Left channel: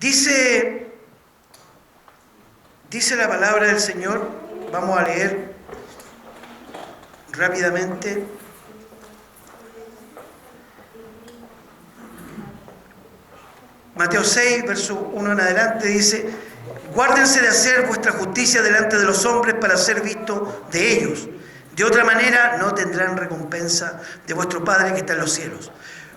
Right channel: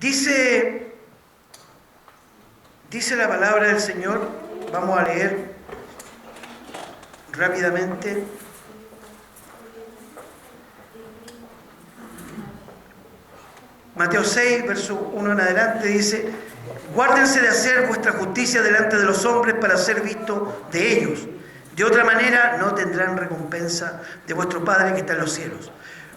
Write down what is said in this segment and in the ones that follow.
Dice la palabra del Señor, vamos a leer rápidamente. Mateo 6, verso 1 en adelante, dice: guárdense de hacer vuestra justicia delante de los hombres para ser visto de ellos. De otra manera no tendrán recompensa de vuestro Padre que está en los cielos.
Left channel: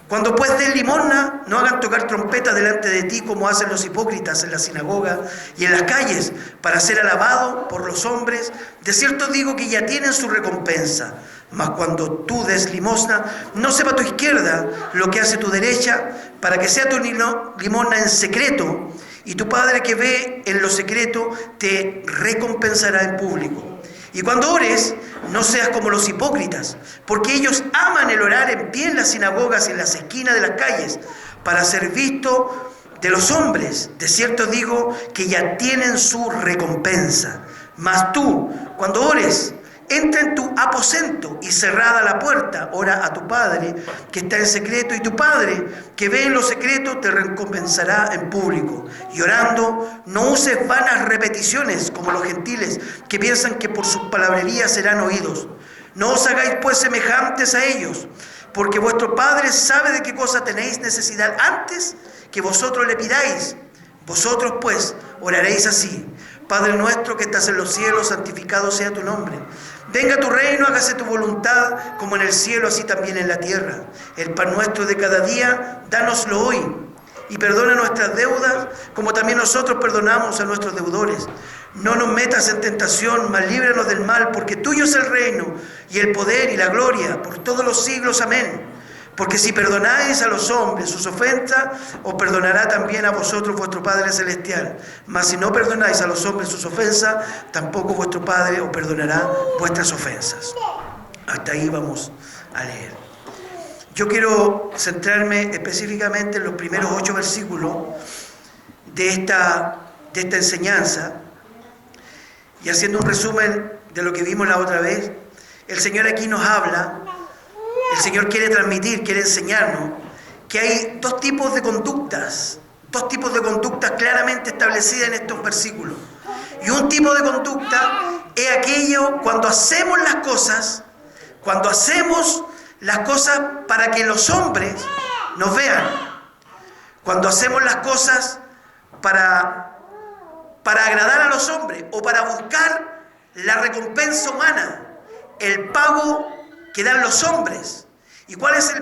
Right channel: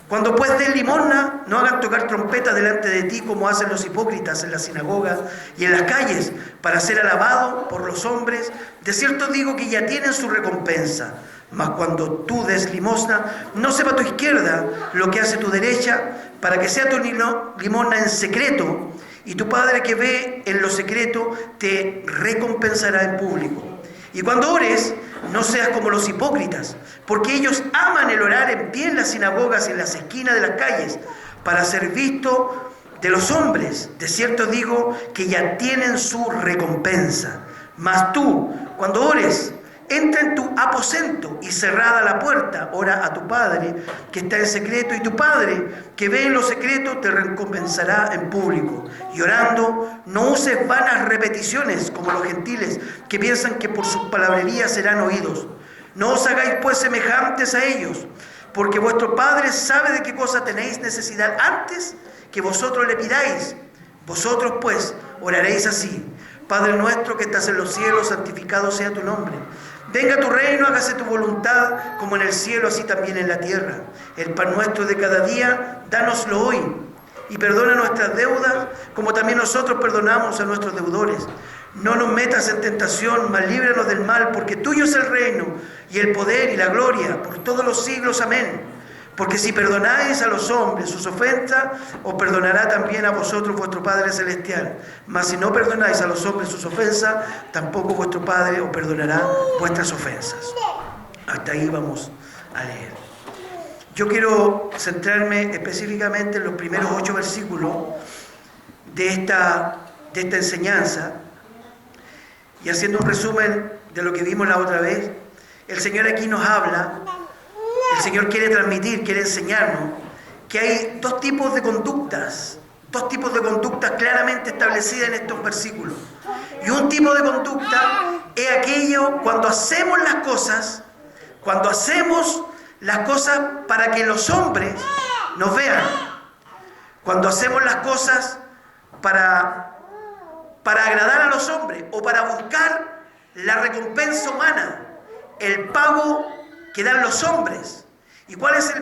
Cuando pues den limosna, no hagan tocar trompeta delante de ti como hacen los hipócritas en la sinagoga y en las calles para ser alabados por los hombres. De cierto digo que ya tienen su recompensa. Mas cuando tú des limosna, no sepa tu izquierda lo que hace tu derecha, para que sea tu limosna en secreto, y tu Padre que ve en lo secreto te recompensará en público. Y cuando ores, no seas como los hipócritas, porque ellos aman el orar en pie en las sinagogas y en las esquinas de las calles, para ser visto de los hombres. De cierto digo que ya tienen su recompensa. Mas tú, cuando ores, entra en tu aposento y cerrada la puerta, ora a tu Padre que está en secreto, y tu Padre que ve en lo secreto te recompensará en público. Y orando, no uses vanas repeticiones como los gentiles que piensan que por sus palabrerías serán oídos. No os hagáis pues semejantes a ellos, porque vuestro Padre sabe de qué cosa tenéis necesidad antes que vosotros le pidáis. Vosotros pues oraréis así: Padre nuestro que estás en los cielos, santificado sea tu nombre. Venga tu reino, hágase tu voluntad, como en el cielo, así también en la tierra. El pan nuestro de cada día, dánoslo hoy. Y perdona nuestras deudas, como también nosotros perdonamos a nuestros deudores. No nos metas en tentación, mas líbranos del mal, porque tuyo es el reino, y el poder y la gloria, por todos los siglos. Amén. Porque si perdonáis a los hombres sus ofensas, os perdonará también a vosotros vuestro Padre Celestial. Mas si no perdonáis a los hombres sus ofensas, tampoco vuestro Padre os perdonará vuestras ofensas. Hasta ahí vamos a leer. Yo quiero centrarme específicamente en los primeros 8 versículos de esta enseñanza, y haciendo un resumen de lo que vimos la otra vez. El Señor aquí nos habla. El Señor quiere transmitir, quiere enseñarnos que hay dos tipos de conductas claramente establecidas en estos versículos. Y un tipo de conducta es aquello cuando hacemos las cosas para que los hombres nos vean. Cuando hacemos las cosas para agradar a los hombres o para buscar la recompensa humana, el pago que dan los hombres. ¿Y cuál es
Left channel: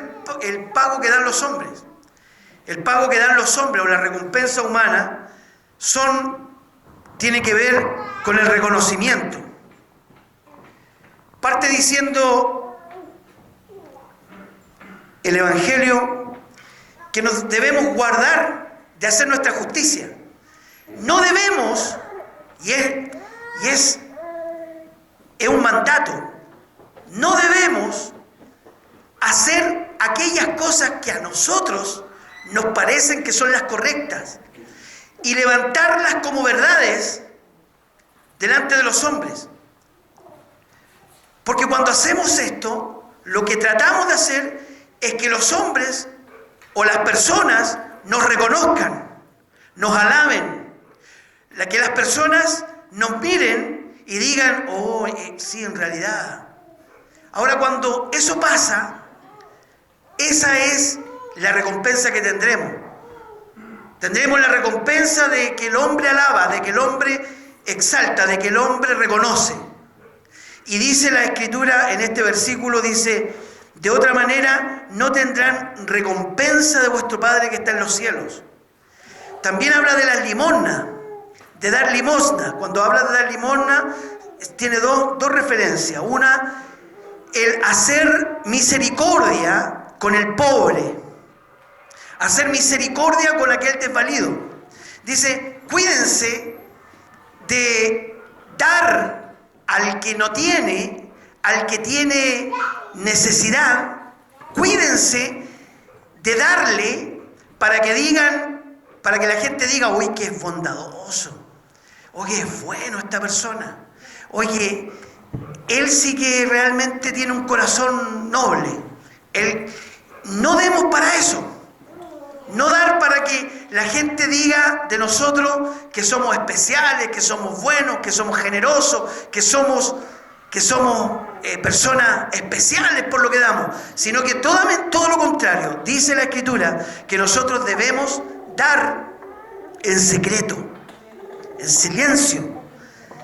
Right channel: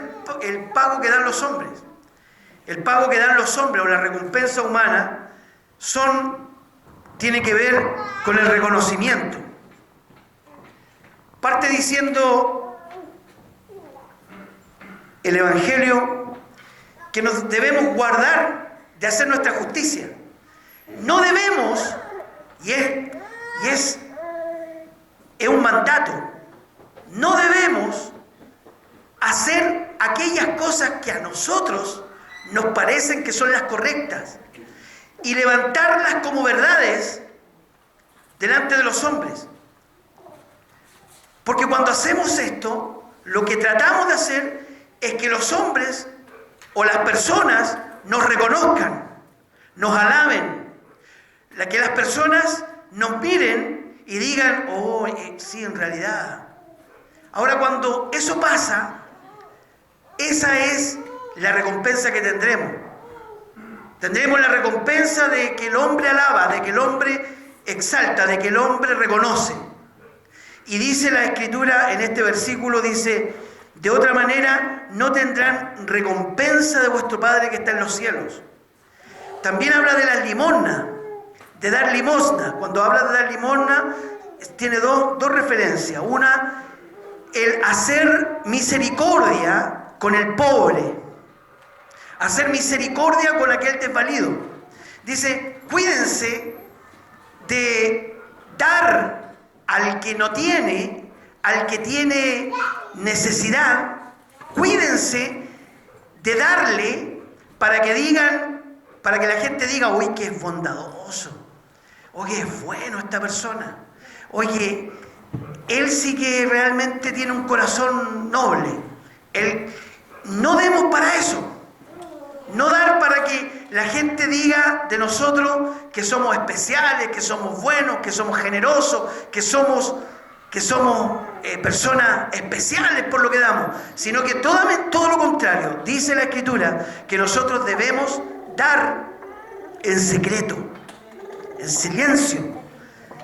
el pago que dan los hombres? El pago que dan los hombres o la recompensa humana tiene que ver con el reconocimiento. Parte diciendo el Evangelio que nos debemos guardar de hacer nuestra justicia. No debemos, y es un mandato, no debemos hacer aquellas cosas que a nosotros nos parecen que son las correctas y levantarlas como verdades delante de los hombres. Porque cuando hacemos esto, lo que tratamos de hacer es que los hombres o las personas nos reconozcan, nos alaben, que las personas nos miren y digan: oh, sí, en realidad. Ahora, cuando eso pasa, esa es la recompensa que tendremos. Tendremos la recompensa de que el hombre alaba, de que el hombre exalta, de que el hombre reconoce. Y dice la Escritura en este versículo, dice: de otra manera no tendrán recompensa de vuestro Padre que está en los cielos. También habla de las limosnas, de dar limosna. Cuando habla de dar limosna, tiene dos referencias. Una, el hacer misericordia con el pobre, hacer misericordia con aquel desvalido. Dice: cuídense de dar al que no tiene, al que tiene necesidad. Cuídense de darle para que la gente diga: uy, que es bondadoso, oye, es bueno esta persona, oye, él sí que realmente tiene un corazón noble. No demos para eso. No dar para que la gente diga de nosotros que somos especiales, que somos buenos, que somos generosos, que somos personas especiales por lo que damos, sino que todo lo contrario. Dice la Escritura que nosotros debemos dar en secreto, en silencio,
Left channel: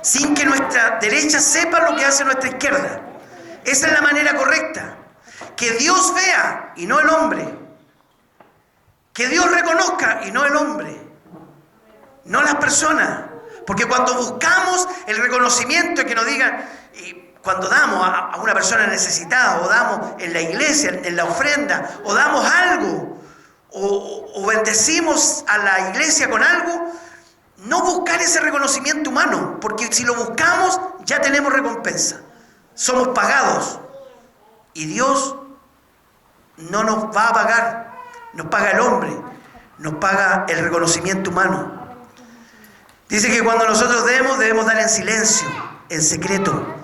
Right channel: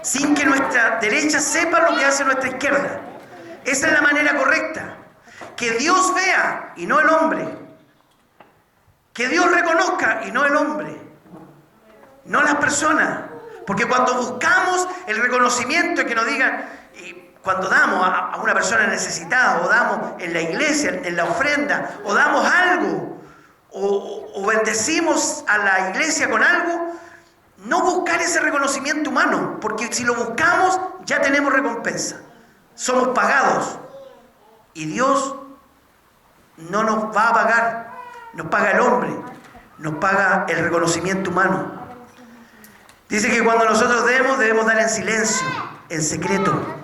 sin que nuestra derecha sepa lo que hace nuestra izquierda. Esa es la manera correcta. Que Dios vea y no el hombre. Que Dios reconozca y no el hombre, no las personas. Porque cuando buscamos el reconocimiento y que nos digan, y cuando damos a una persona necesitada, o damos en la iglesia, en la ofrenda, o damos algo, o bendecimos a la iglesia con algo, no buscar ese reconocimiento humano, porque si lo buscamos ya tenemos recompensa. Somos pagados y Dios no nos va a pagar. Nos paga el hombre, nos paga el reconocimiento humano. Dice que cuando nosotros debemos dar en silencio, en secreto.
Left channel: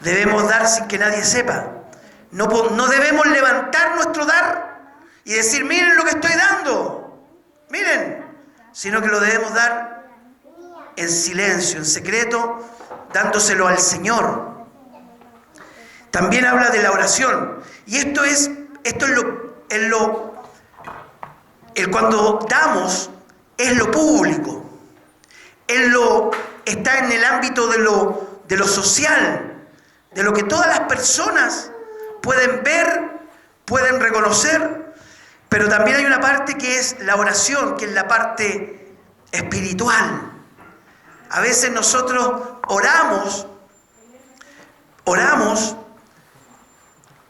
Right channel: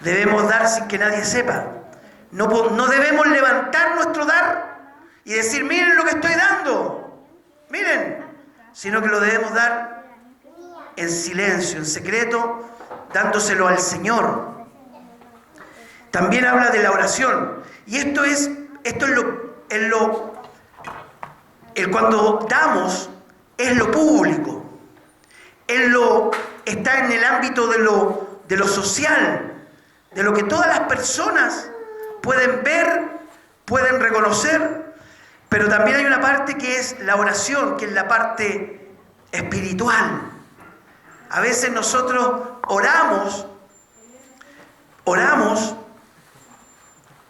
Debemos dar sin que nadie sepa. No debemos levantar nuestro dar y decir, miren lo que estoy dando, miren. Sino que lo debemos dar en silencio, en secreto, dándoselo al Señor. También habla de la oración. Y esto es cuando damos, es lo público. Está en el ámbito de lo social, de lo que todas las personas pueden ver, pueden reconocer, pero también hay una parte que es la oración, que es la parte espiritual. A veces nosotros oramos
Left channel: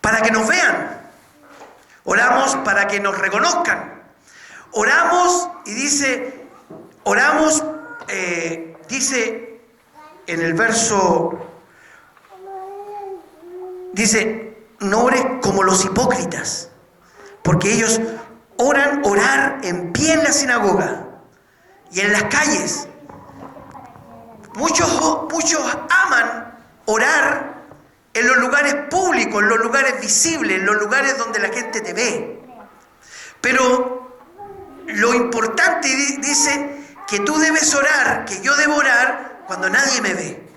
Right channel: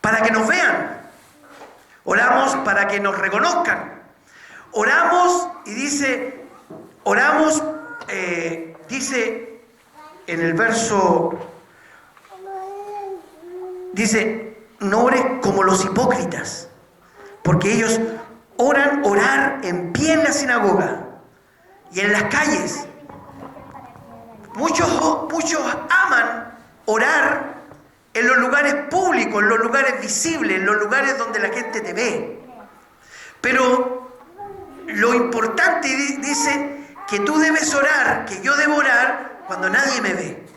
para que nos vean, oramos para que nos reconozcan. Oramos y dice en el verso, dice, no ores como los hipócritas, porque ellos orar en pie en la sinagoga y en las calles. Muchos aman orar en los lugares públicos, en los lugares visibles, en los lugares donde la gente te ve. Pero lo importante dice que tú debes orar, que yo debo orar cuando nadie me ve.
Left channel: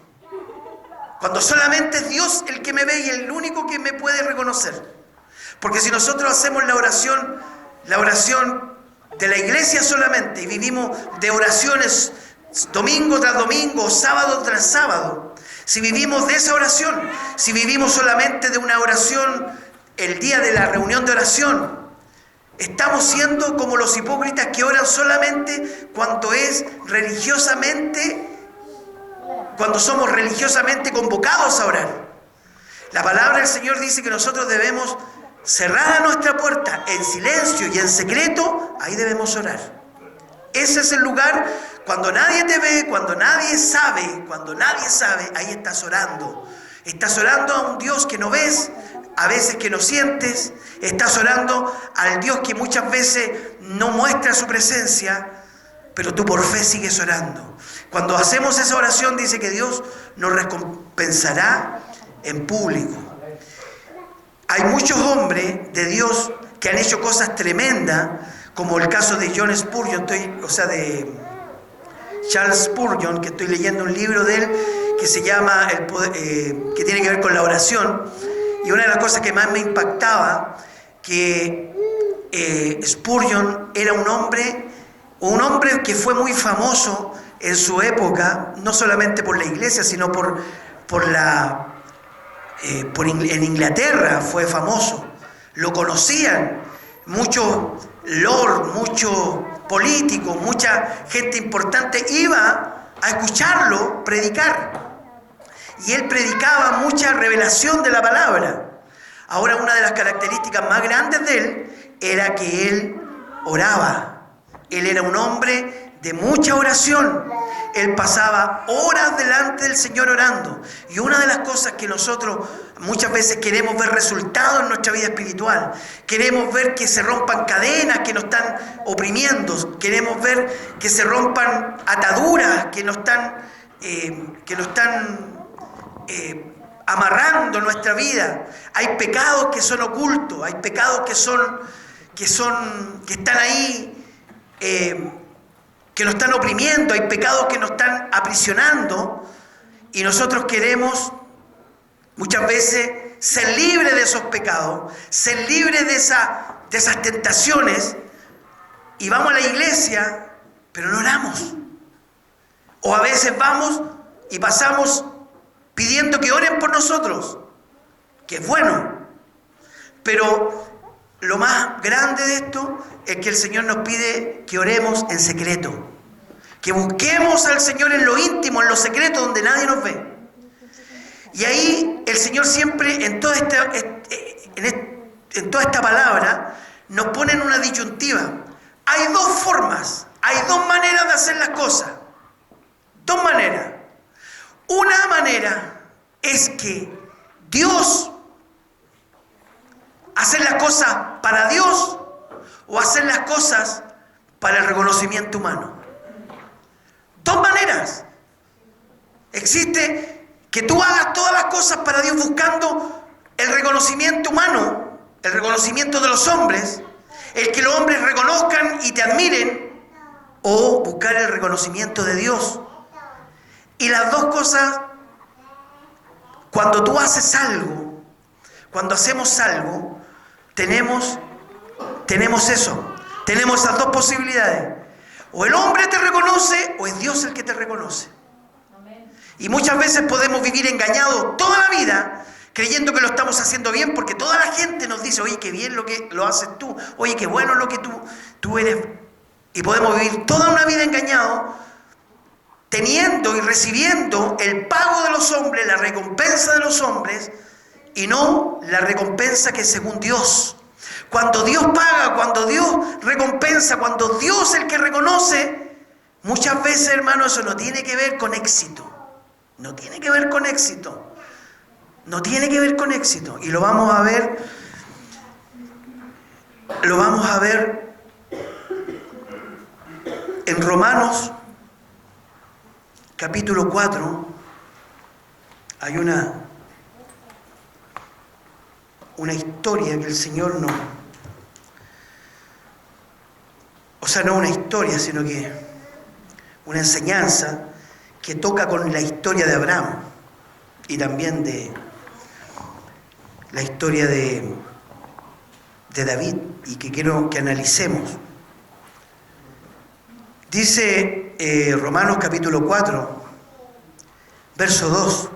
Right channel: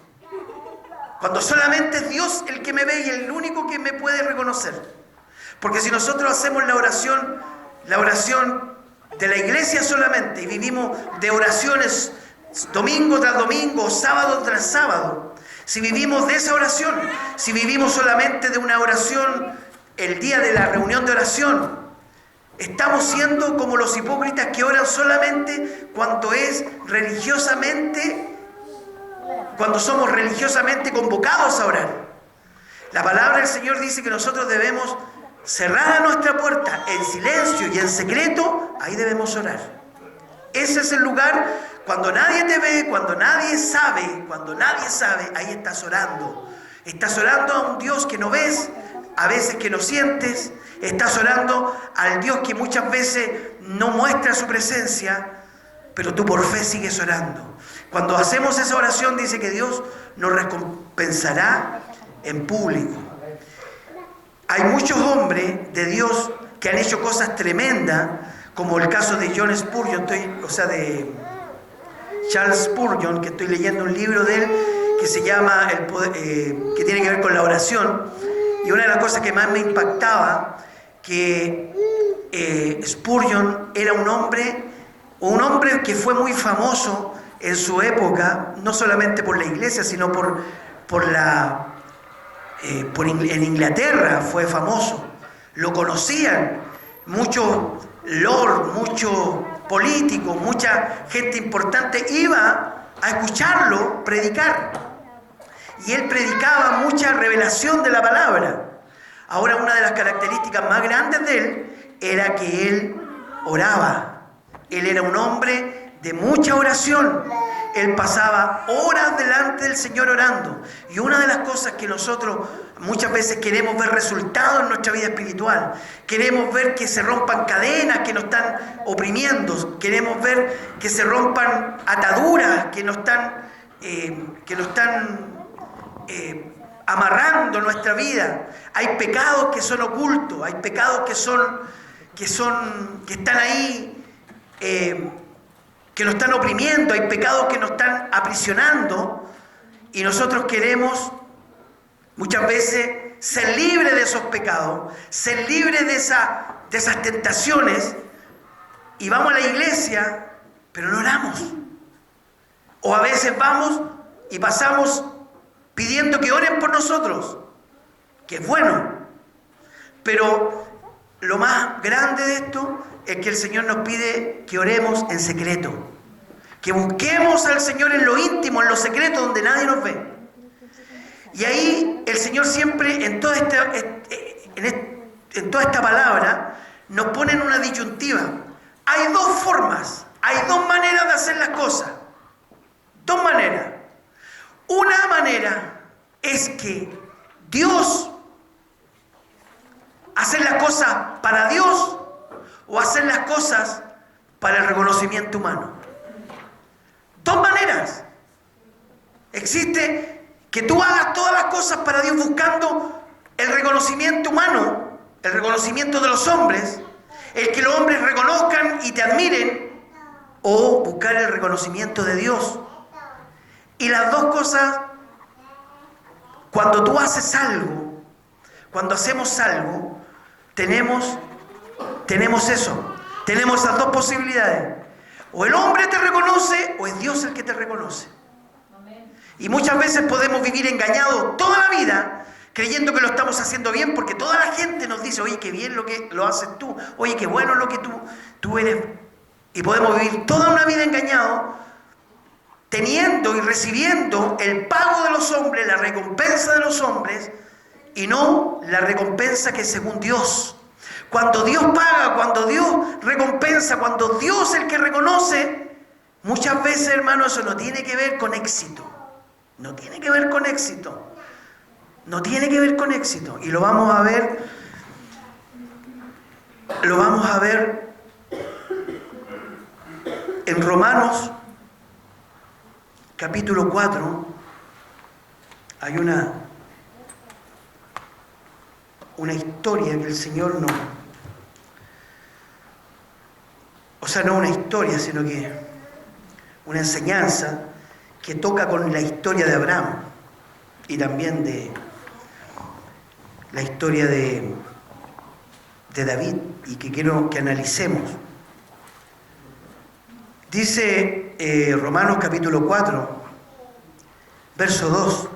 Cuando solamente es Dios el que me ve y el único que me puede reconocer. Porque si nosotros hacemos la oración de la iglesia solamente y vivimos de oraciones domingo tras domingo, sábado tras sábado, si vivimos de esa oración, si vivimos solamente de una oración el día de la reunión de oración, estamos siendo como los hipócritas que oran solamente cuando somos religiosamente convocados a orar. La palabra del Señor dice que nosotros debemos cerrar nuestra puerta en silencio y en secreto, ahí debemos orar. Ese es el lugar cuando nadie te ve, cuando nadie sabe, ahí estás orando. Estás orando a un Dios que no ves, a veces que no sientes, estás orando al Dios que muchas veces no muestra su presencia, pero tú por fe sigues orando. Cuando hacemos esa oración dice que Dios nos recompensará en público. Hay muchos hombres de Dios que han hecho cosas tremendas, como el caso de John Spurgeon, de Charles Spurgeon, que estoy leyendo un libro de él que se llama que tiene que ver con la oración. Y una de las cosas que más me impactaba, que Spurgeon era un hombre que fue muy famoso en su época, no solamente por la iglesia, sino en Inglaterra fue famoso. Lo conocían muchos lords, muchos políticos, mucha gente importante iba a escucharlo predicar. Y él predicaba mucha revelación de la palabra. Ahora, una de las características más grandes de él era que él oraba. Él era un hombre de mucha oración. Él pasaba horas delante del Señor orando. Y una de las cosas que nosotros muchas veces queremos ver resultados en nuestra vida espiritual, queremos ver que se rompan cadenas que nos están oprimiendo, queremos ver que se rompan ataduras que nos están amarrando nuestra vida. Hay pecados que son ocultos, hay pecados que están ahí que nos están oprimiendo, hay pecados que nos están aprisionando y nosotros queremos muchas veces ser libres de esos pecados, ser libres de esas tentaciones y vamos a la iglesia, pero no oramos. O a veces vamos y pasamos pidiendo que oren por nosotros, que es bueno, pero lo más grande de esto es que el Señor nos pide que oremos en secreto, que busquemos al Señor en lo íntimo, en lo secreto, donde nadie nos ve. Y ahí el Señor siempre, en toda esta palabra, nos pone en una disyuntiva. Hay dos formas, hay dos maneras de hacer las cosas. Dos maneras. Una manera es que Dios, hacer las cosas para Dios o hacer las cosas para el reconocimiento humano. Dos maneras. Existe que tú hagas todas las cosas para Dios buscando el reconocimiento humano, el reconocimiento de los hombres, el que los hombres reconozcan y te admiren, o buscar el reconocimiento de Dios. Y las dos cosas, cuando tú haces algo, cuando hacemos algo, tenemos eso, tenemos esas dos posibilidades. O el hombre te reconoce o es Dios el que te reconoce. Y muchas veces podemos vivir engañados toda la vida creyendo que lo estamos haciendo bien porque toda la gente nos dice, oye, qué bien lo que lo haces tú, oye, qué bueno lo que tú eres. Y podemos vivir toda una vida engañados teniendo y recibiendo el pago de los hombres, la recompensa de los hombres y no la recompensa que es según Dios. Cuando Dios paga, cuando Dios recompensa, cuando Dios es el que reconoce, muchas veces, hermano, eso no tiene que ver con éxito. No tiene que ver con éxito. No tiene que ver con éxito. Y lo vamos a ver. Lo vamos a ver en Romanos, capítulo 4. Hay una historia que el Señor no... O sea, no una historia, sino que una enseñanza que toca con la historia de Abraham y también de la historia de David y que quiero que analicemos. Dice Romanos capítulo 4, verso 2,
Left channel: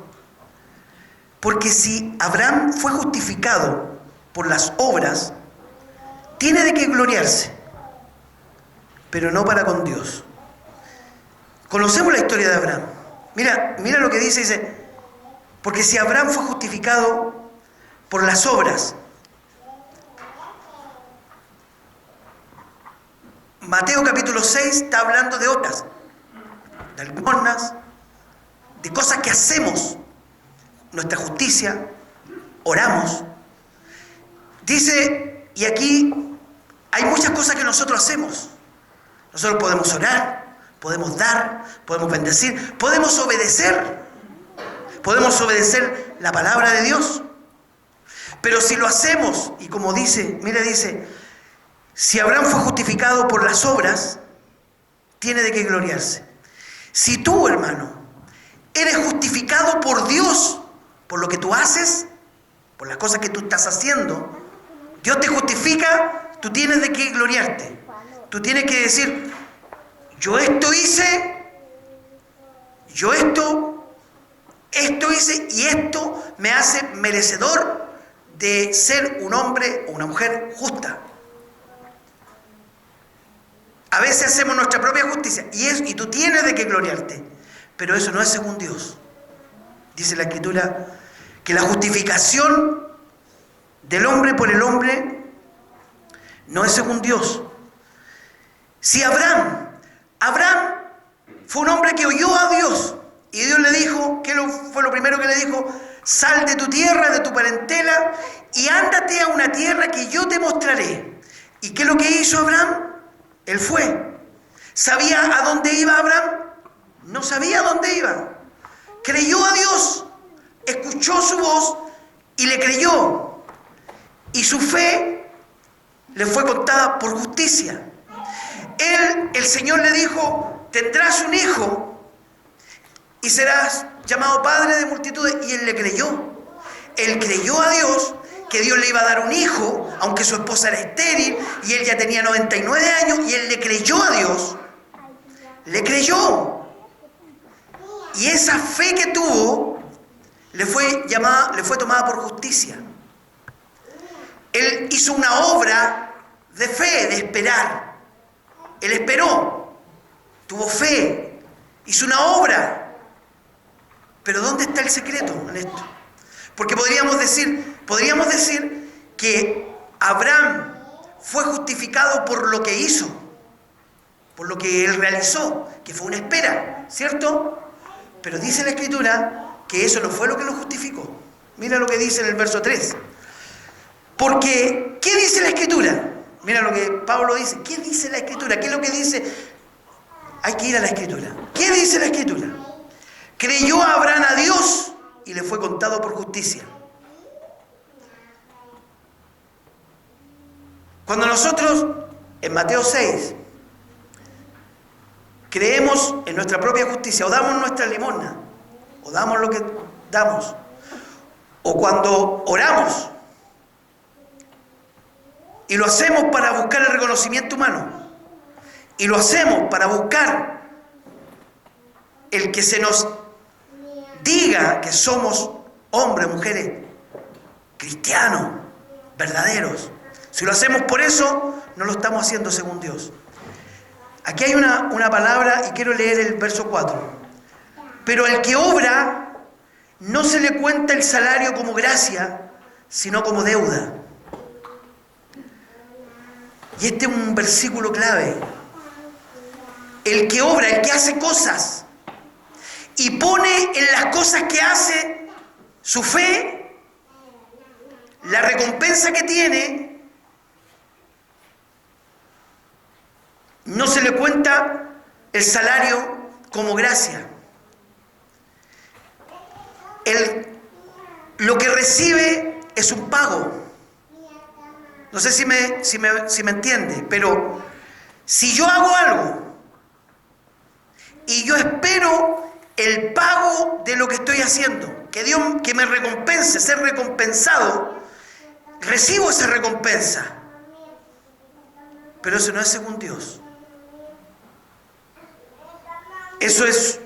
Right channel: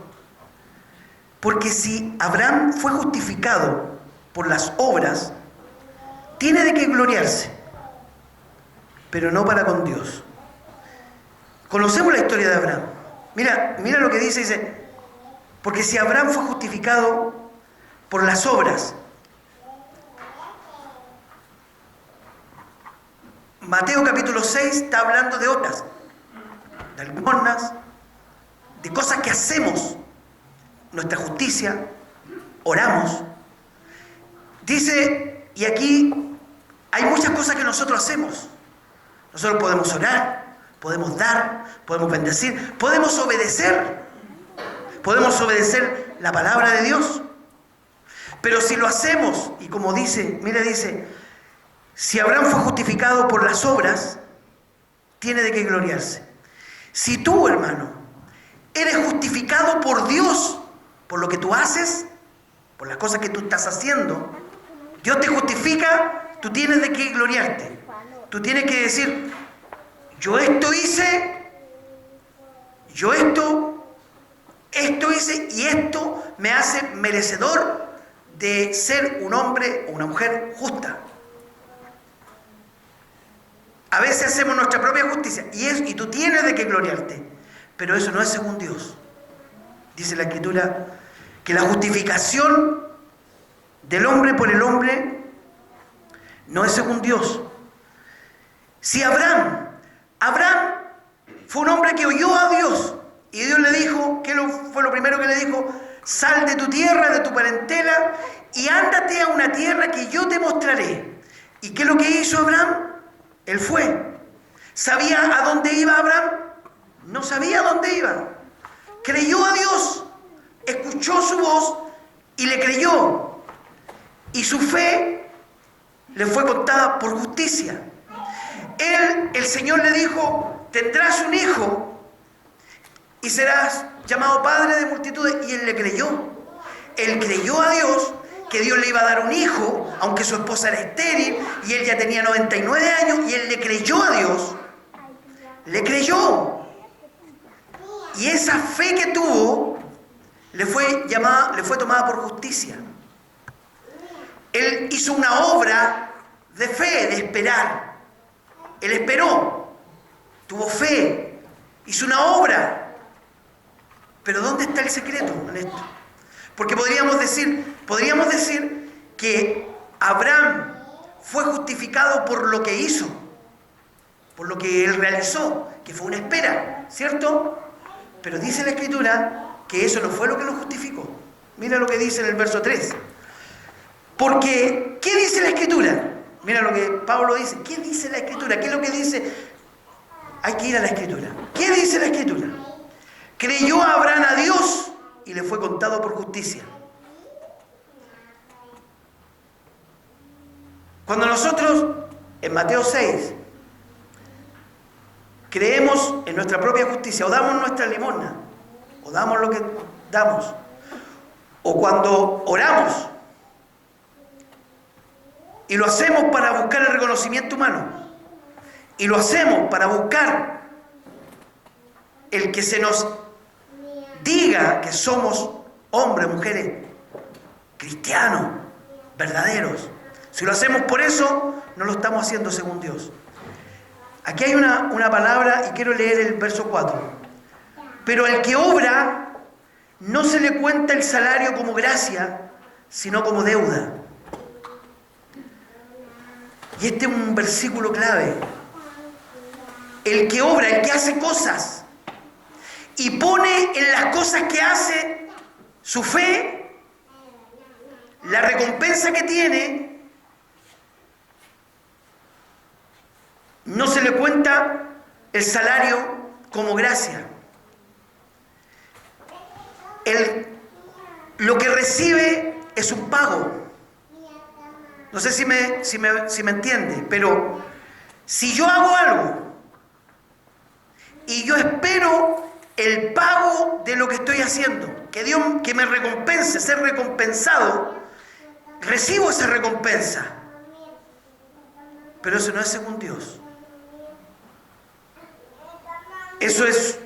porque si Abraham fue justificado por las obras, tiene de qué gloriarse, pero no para con Dios. Conocemos la historia de Abraham. Mira lo que dice, porque si Abraham fue justificado por las obras. Mateo capítulo 6 está hablando de obras, de algunas, de cosas que hacemos, nuestra justicia, oramos. Dice, y aquí hay muchas cosas que nosotros hacemos. Nosotros podemos orar, podemos dar, podemos bendecir, podemos obedecer la palabra de Dios. Pero si lo hacemos, y como dice, si Abraham fue justificado por las obras, tiene de qué gloriarse. Si tú, hermano, eres justificado por Dios, por lo que tú haces, por las cosas que tú estás haciendo, Dios te justifica, tú tienes de qué gloriarte. Tú tienes que decir, yo esto hice, y esto me hace merecedor de ser un hombre o una mujer justa. A veces hacemos nuestra propia justicia y tú tienes de qué gloriarte, pero eso no es según Dios. Dice la Escritura que la justificación del hombre por el hombre no es según Dios. Si Abraham fue un hombre que oyó a Dios y Dios le dijo, ¿qué fue lo primero que le dijo? Sal de tu tierra, de tu parentela y ándate a una tierra que yo te mostraré. ¿Y qué es lo que hizo Abraham? Él fue. ¿Sabía a dónde iba Abraham? No sabía a dónde iba. Creyó a Dios, escuchó su voz y le creyó. Y su fe le fue contada por justicia. el Señor le dijo, tendrás un hijo y serás llamado padre de multitudes. Y él le creyó. Él creyó a Dios, que Dios le iba a dar un hijo, aunque su esposa era estéril y él ya tenía 99 años, y él le creyó a Dios. Le creyó. Y esa fe que tuvo le fue tomada por justicia. Él hizo una obra de fe, de esperar. Él esperó, tuvo fe, hizo una obra. Pero ¿dónde está el secreto en esto? Porque podríamos decir que Abraham fue justificado por lo que hizo, por lo que él realizó, que fue una espera, ¿cierto? Pero dice la Escritura que eso no fue lo que lo justificó. Mira lo que dice en el verso 3. Porque, ¿qué dice la Escritura? Mira lo que Pablo dice. ¿Qué dice la Escritura? ¿Qué es lo que dice? Hay que ir a la Escritura. ¿Qué dice la Escritura? Creyó Abraham a Dios y le fue contado por justicia. Cuando nosotros, en Mateo 6, creemos en nuestra propia justicia, o damos nuestra limosna, o damos lo que damos, o cuando oramos, y lo hacemos para buscar el reconocimiento humano, y lo hacemos para buscar el que se nos diga que somos hombres, mujeres, cristianos, verdaderos. Si lo hacemos por eso, no lo estamos haciendo según Dios. Aquí hay una palabra y quiero leer el verso 4. Pero al que obra, no se le cuenta el salario como gracia, sino como deuda. Y este es un versículo clave. El que obra, el que hace cosas, y pone en las cosas que hace su fe, la recompensa que tiene, no se le cuenta el salario como gracia. Lo que recibe es un pago. No sé si me entiende, pero si yo hago algo y yo espero el pago de lo que estoy haciendo, que Dios que me recompense, ser recompensado, recibo esa recompensa. Pero eso no es según Dios. Eso es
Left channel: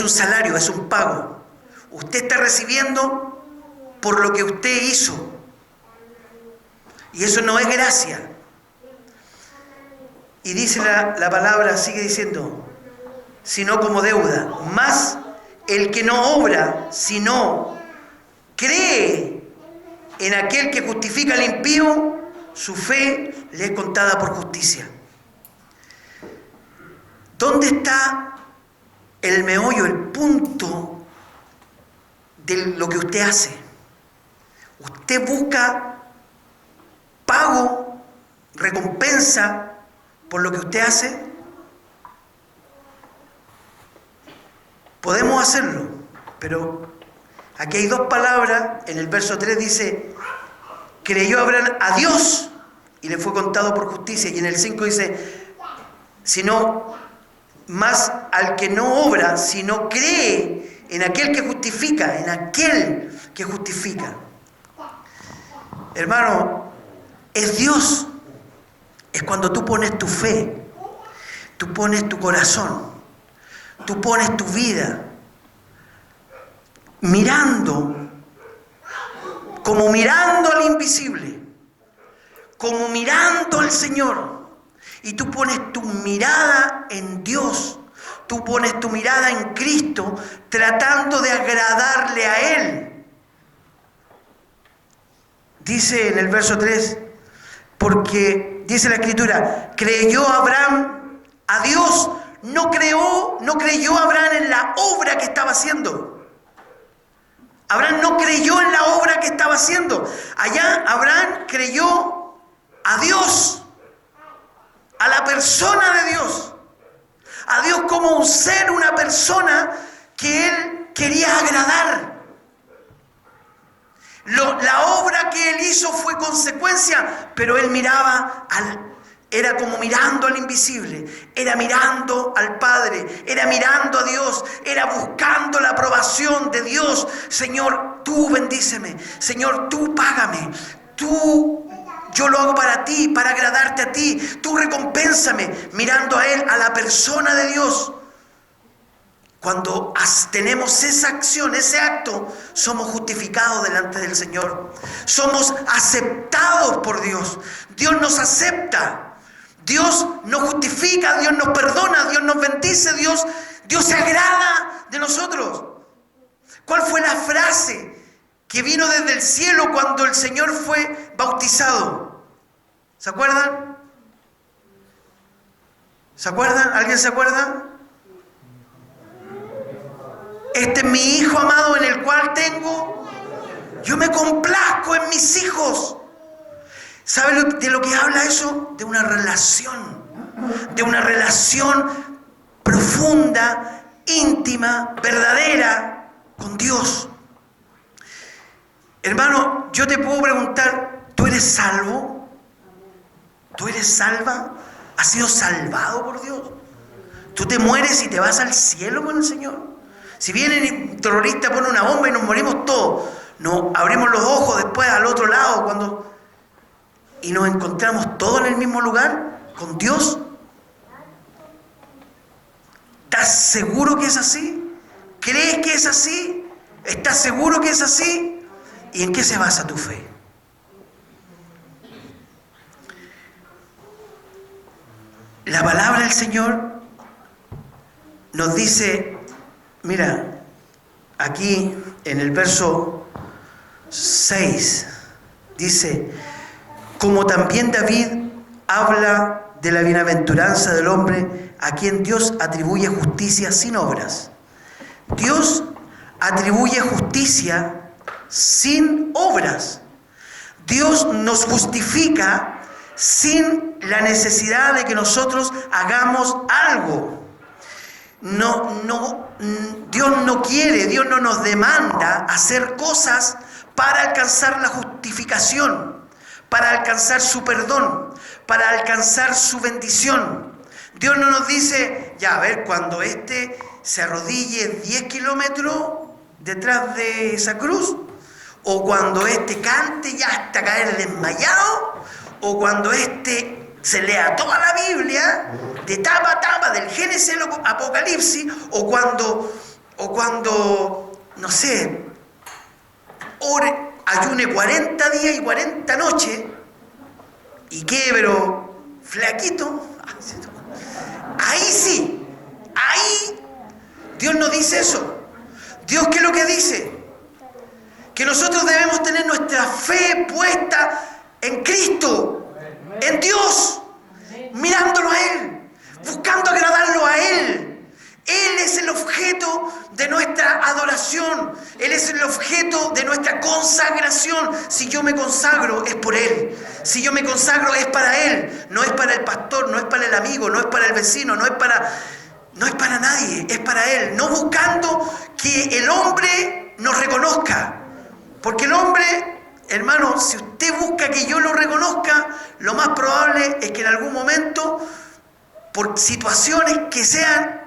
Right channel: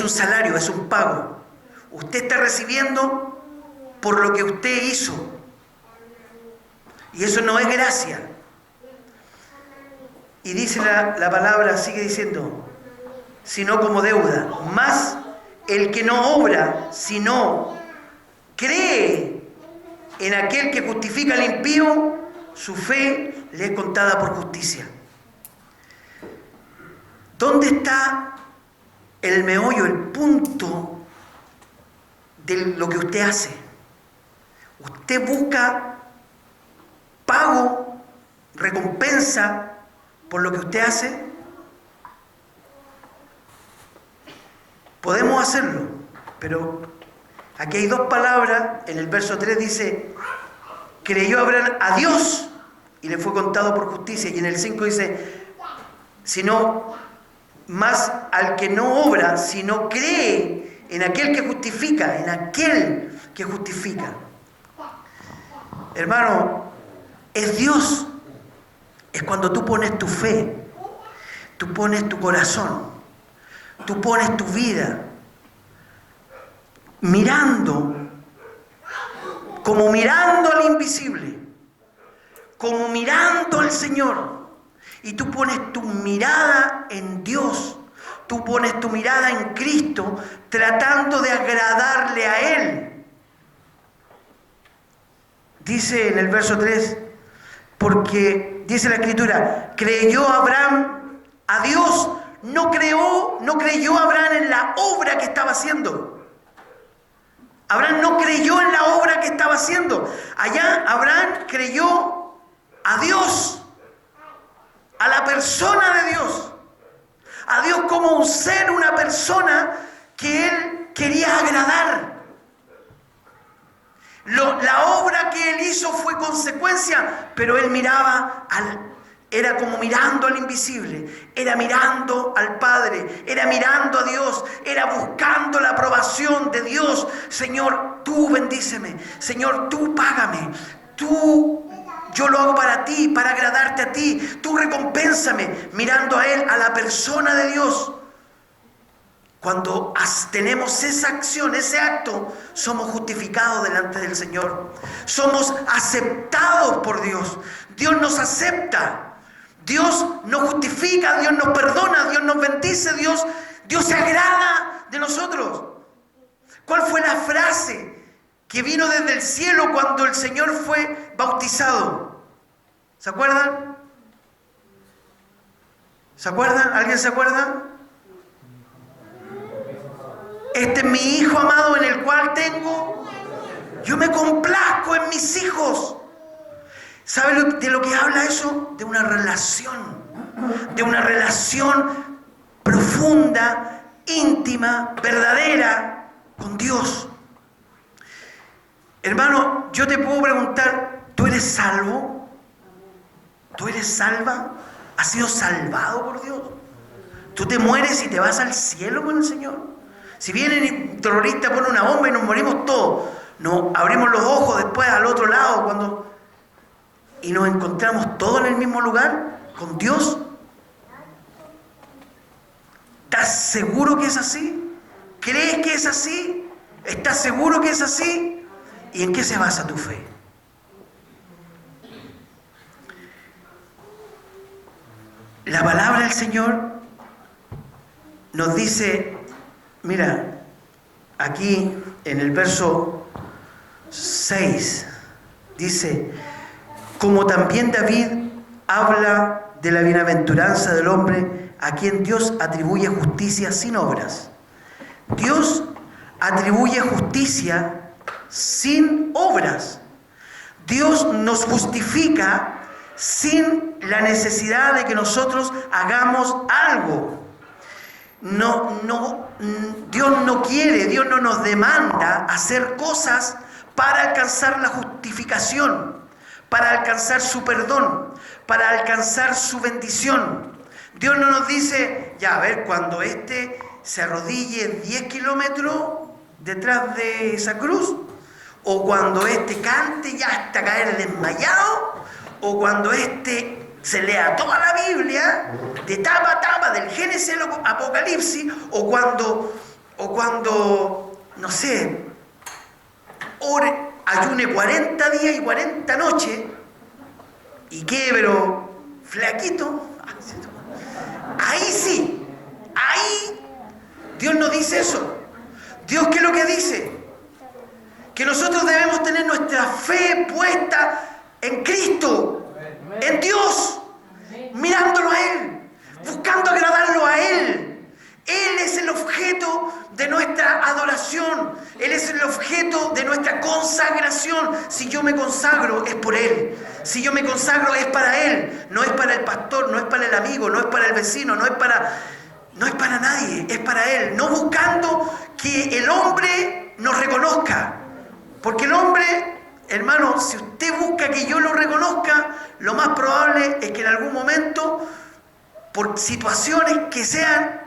un salario, es un pago. Usted está recibiendo por lo que usted hizo. Y eso no es gracia. Y dice la palabra, sigue diciendo, sino como deuda. Más el que no obra, sino cree en aquel que justifica al impío, su fe le es contada por justicia. ¿Dónde está el meollo, el punto de lo que usted hace? Usted busca pago, recompensa por lo que usted hace. Podemos hacerlo, pero aquí hay dos palabras. En el verso 3 dice, creyó Abraham a Dios y le fue contado por justicia. Y en el 5 dice, sino más al que no obra, sino cree en aquel que justifica, en aquel que justifica. Hermano, es Dios. Es cuando tú pones tu fe, tú pones tu corazón, tú pones tu vida, como mirando al invisible, como mirando al Señor. Y tú pones tu mirada en Dios, tú pones tu mirada en Cristo, tratando de agradarle a Él. Dice en el verso 3, porque dice la Escritura, creyó Abraham a Dios, no creyó Abraham en la obra que estaba haciendo. Abraham no creyó en la obra que estaba haciendo. Allá Abraham creyó a Dios, a la persona de Dios, a Dios como un ser, una persona que él quería agradar. La obra que él hizo fue consecuencia, pero él miraba Era como mirando al invisible, era mirando al Padre, era mirando a Dios, era buscando la aprobación de Dios. Señor, tú bendíceme, Señor, tú págame, yo lo hago para ti, para agradarte a ti, tú recompénsame, mirando a Él, a la persona de Dios. Cuando tenemos esa acción, ese acto, somos justificados delante del Señor. Somos aceptados por Dios. Dios nos acepta. Dios nos justifica, Dios nos perdona, Dios nos bendice, Dios se agrada de nosotros. ¿Cuál fue la frase que vino desde el cielo cuando el Señor fue bautizado? ¿Se acuerdan? ¿Se acuerdan? ¿Alguien se acuerda? Este es mi Hijo amado en el cual yo me complazco en mis hijos. ¿Sabe de lo que habla eso? De una relación profunda, íntima, verdadera con Dios. Hermano, yo te puedo preguntar, ¿tú eres salvo? ¿Tú eres salva? ¿Has sido salvado por Dios? ¿Tú te mueres y te vas al cielo con el Señor? Si viene un terrorista, pone una bomba y nos morimos todos, nos abrimos los ojos después al otro lado y nos encontramos todos en el mismo lugar con Dios. ¿Estás seguro que es así? ¿Crees que es así? ¿Estás seguro que es así? ¿Y en qué se basa tu fe? La palabra del Señor nos dice, mira, aquí en el verso 6 dice, como también David habla de la bienaventuranza del hombre a quien Dios atribuye justicia sin obras. Dios atribuye justicia sin obras. Dios nos justifica sin la necesidad de que nosotros hagamos algo. Dios no quiere, Dios no nos demanda hacer cosas para alcanzar la justificación, para alcanzar su perdón, para alcanzar su bendición. Dios no nos dice, ya, a ver, cuando se arrodille 10 kilómetros detrás de esa cruz, o cuando cante ya hasta caer desmayado, o cuando se lea toda la Biblia, de tapa a tapa, del Génesis al Apocalipsis, o cuando, no sé, ayune 40 días y 40 noches, y quede, pero flaquito. Ahí Dios no dice eso. Dios, ¿qué es lo que dice? Que nosotros debemos tener nuestra fe puesta en Cristo, en Dios, mirándolo a Él, buscando agradarlo a Él. Él es el objeto de nuestra adoración. Él es el objeto de nuestra consagración. Si yo me consagro, es por Él. Si yo me consagro, es para Él. No es para el pastor, no es para el amigo, no es para el vecino, no es para nadie, es para Él. No buscando que el hombre nos reconozca. Porque el hombre, hermano, si usted busca que yo lo reconozca, lo más probable es que en algún momento, por situaciones que sean,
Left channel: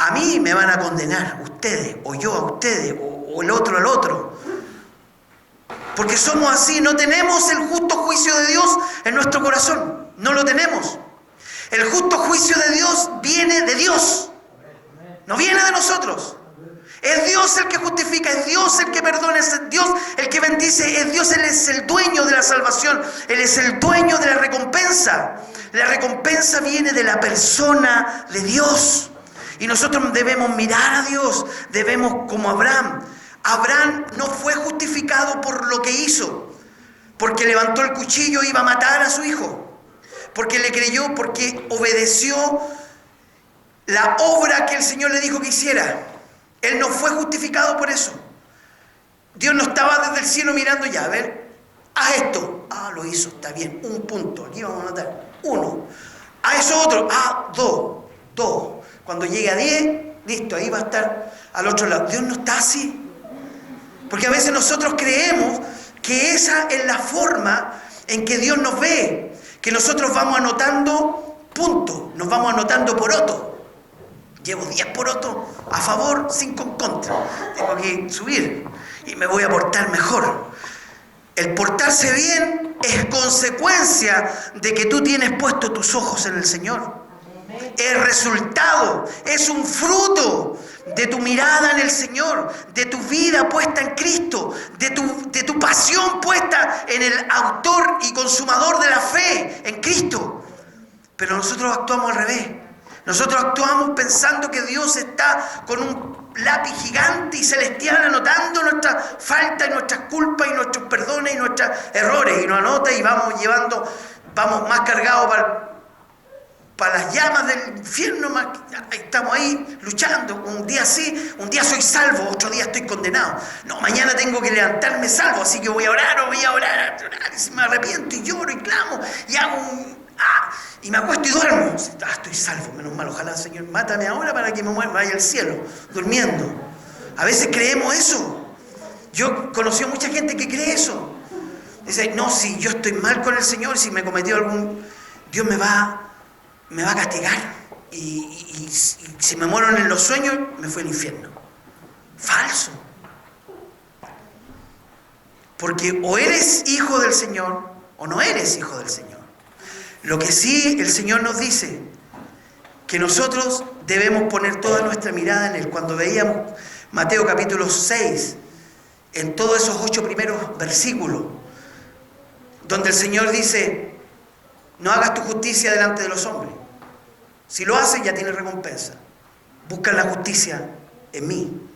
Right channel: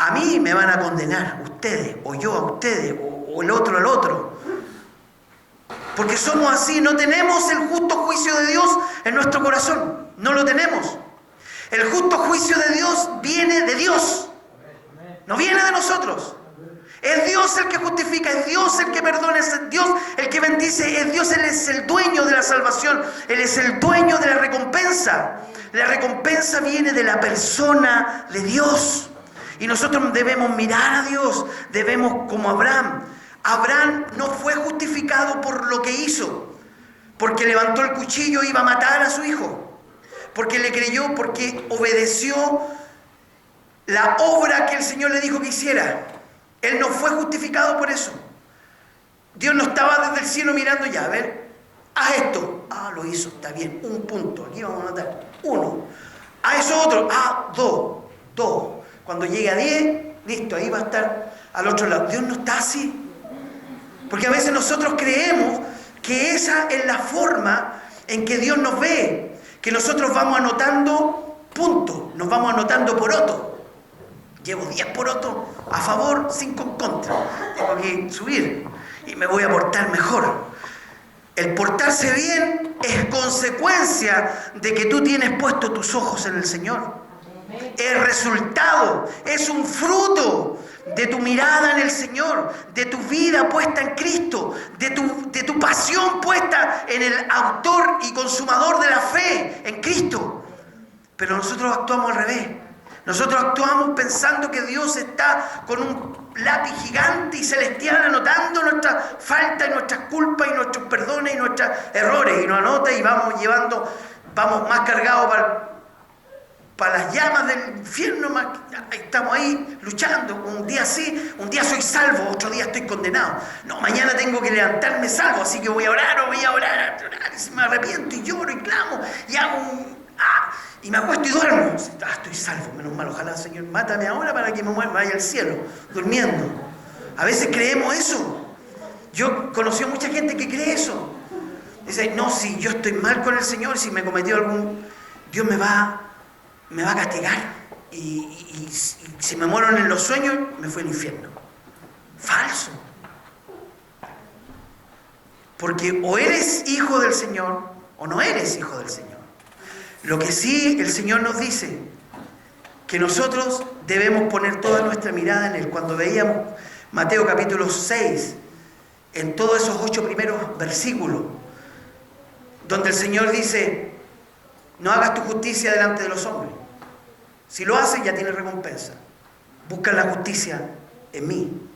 a mí me van a condenar ustedes, o yo a ustedes, o el otro al otro. Porque somos así, no tenemos el justo juicio de Dios en nuestro corazón, no lo tenemos. El justo juicio de Dios viene de Dios, no viene de nosotros. Es Dios el que justifica, es Dios el que perdona, es Dios el que bendice, es Dios, Él es el dueño de la salvación, Él es el dueño de la recompensa. La recompensa viene de la persona de Dios. Y nosotros debemos mirar a Dios, debemos como Abraham. Abraham no fue justificado por lo que hizo, porque levantó el cuchillo e iba a matar a su hijo, porque le creyó, porque obedeció la obra que el Señor le dijo que hiciera. Él no fue justificado por eso. Dios no estaba desde el cielo mirando ya, a ver, haz esto. Ah, lo hizo, está bien, un punto, aquí vamos a matar, 1. Ah, eso otro, 2. Cuando llegue a 10, listo, ahí va a estar al otro lado. Dios no está así. Porque a veces nosotros creemos que esa es la forma en que Dios nos ve, que nosotros vamos anotando puntos, nos vamos anotando porotos. Llevo 10 porotos a favor, 5 en contra. Tengo que subir y me voy a portar mejor. El portarse bien es consecuencia de que tú tienes puestos tus ojos en el Señor. El resultado es un fruto de tu mirada en el Señor, de tu vida puesta en Cristo, de tu pasión puesta en el autor y consumador de la fe, en Cristo. Pero nosotros actuamos al revés. Nosotros actuamos pensando que Dios está con un lápiz gigante y celestial anotando nuestras faltas y nuestras culpas y nuestros perdones y nuestros errores. Y nos anota y vamos más cargados para las llamas del infierno. Estamos ahí luchando. Un día sí, un día soy salvo, otro día estoy condenado. No, mañana tengo que levantarme salvo, así que voy a orar, y si me arrepiento y lloro y clamo y hago y me acuesto y duermo. Estoy salvo, menos mal, ojalá, Señor, mátame ahora para que me vaya al cielo, durmiendo. A veces creemos eso. Yo conocí a mucha gente que cree eso. Dice, no, si yo estoy mal con el Señor, si me cometió Dios me va a castigar. Y si me muero en los sueños, me fue al infierno. Falso. Porque o eres hijo del Señor o no eres hijo del Señor. Lo que sí el Señor nos dice, que nosotros debemos poner toda nuestra mirada en Él. Cuando veíamos Mateo capítulo 6, en todos esos 8 primeros versículos, donde el Señor dice, no hagas tu justicia delante de los hombres. Si lo haces, ya tienes recompensa. Busca la justicia en mí.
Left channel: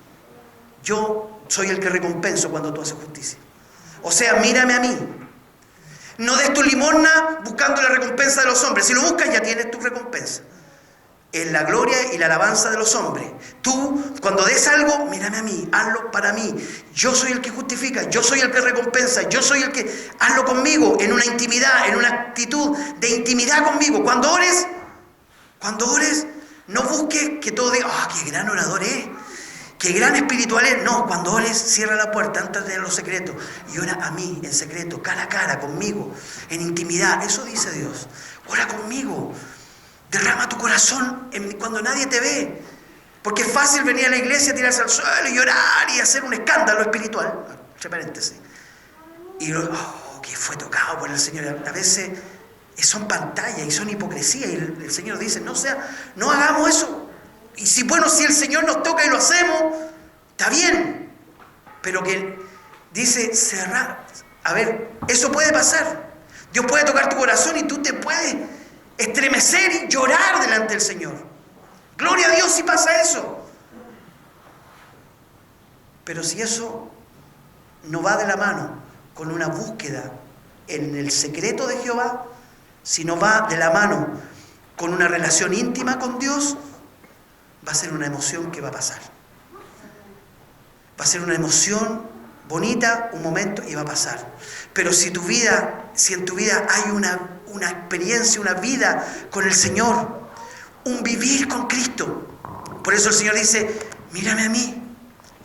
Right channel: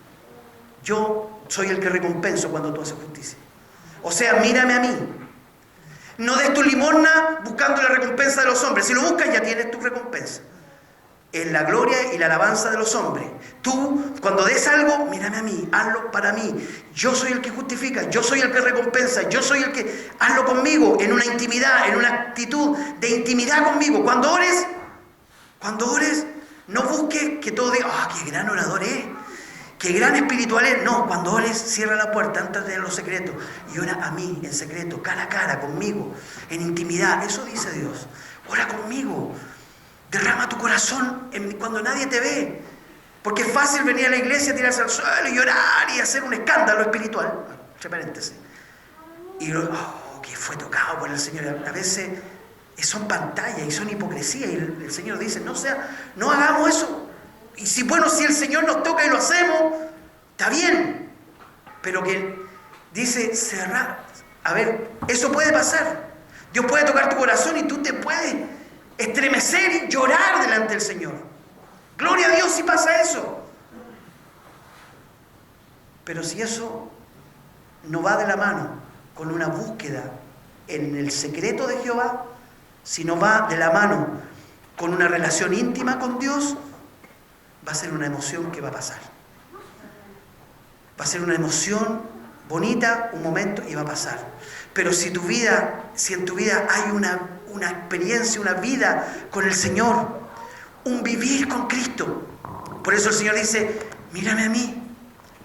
Yo soy el que recompenso cuando tú haces justicia. O sea, mírame a mí. No des tu limosna buscando la recompensa de los hombres. Si lo buscas, ya tienes tu recompensa. Es la gloria y la alabanza de los hombres. Tú, cuando des algo, mírame a mí, hazlo para mí. Yo soy el que justifica, yo soy el que recompensa, yo soy el que... Hazlo conmigo, en una intimidad, en una actitud de intimidad conmigo. Cuando ores, no busques que todo diga, qué gran orador es, qué gran espiritual es. No, cuando ores, cierra la puerta antes de los secretos y ora a mí, en secreto, cara a cara, conmigo, en intimidad. Eso dice Dios. Ora conmigo. Derrama tu corazón cuando nadie te ve. Porque es fácil venir a la iglesia, tirarse al suelo y llorar y hacer un escándalo espiritual. Entre paréntesis. Y que fue tocado por el Señor. A veces son pantallas y son hipocresía. Y el Señor dice, no hagamos eso. Y si el Señor nos toca y lo hacemos, está bien. Pero que dice cerrar. A ver, eso puede pasar. Dios puede tocar tu corazón y tú te puedes estremecer y llorar delante del Señor. Gloria a Dios si pasa eso. Pero si eso no va de la mano con una búsqueda en el secreto de Jehová, si no va de la mano con una relación íntima con Dios, va a ser una emoción que va a pasar. Va a ser una emoción bonita, un momento, y va a pasar. Pero si en tu vida hay una experiencia, una vida con el Señor, un vivir con Cristo. Por eso el Señor dice, mírame a mí.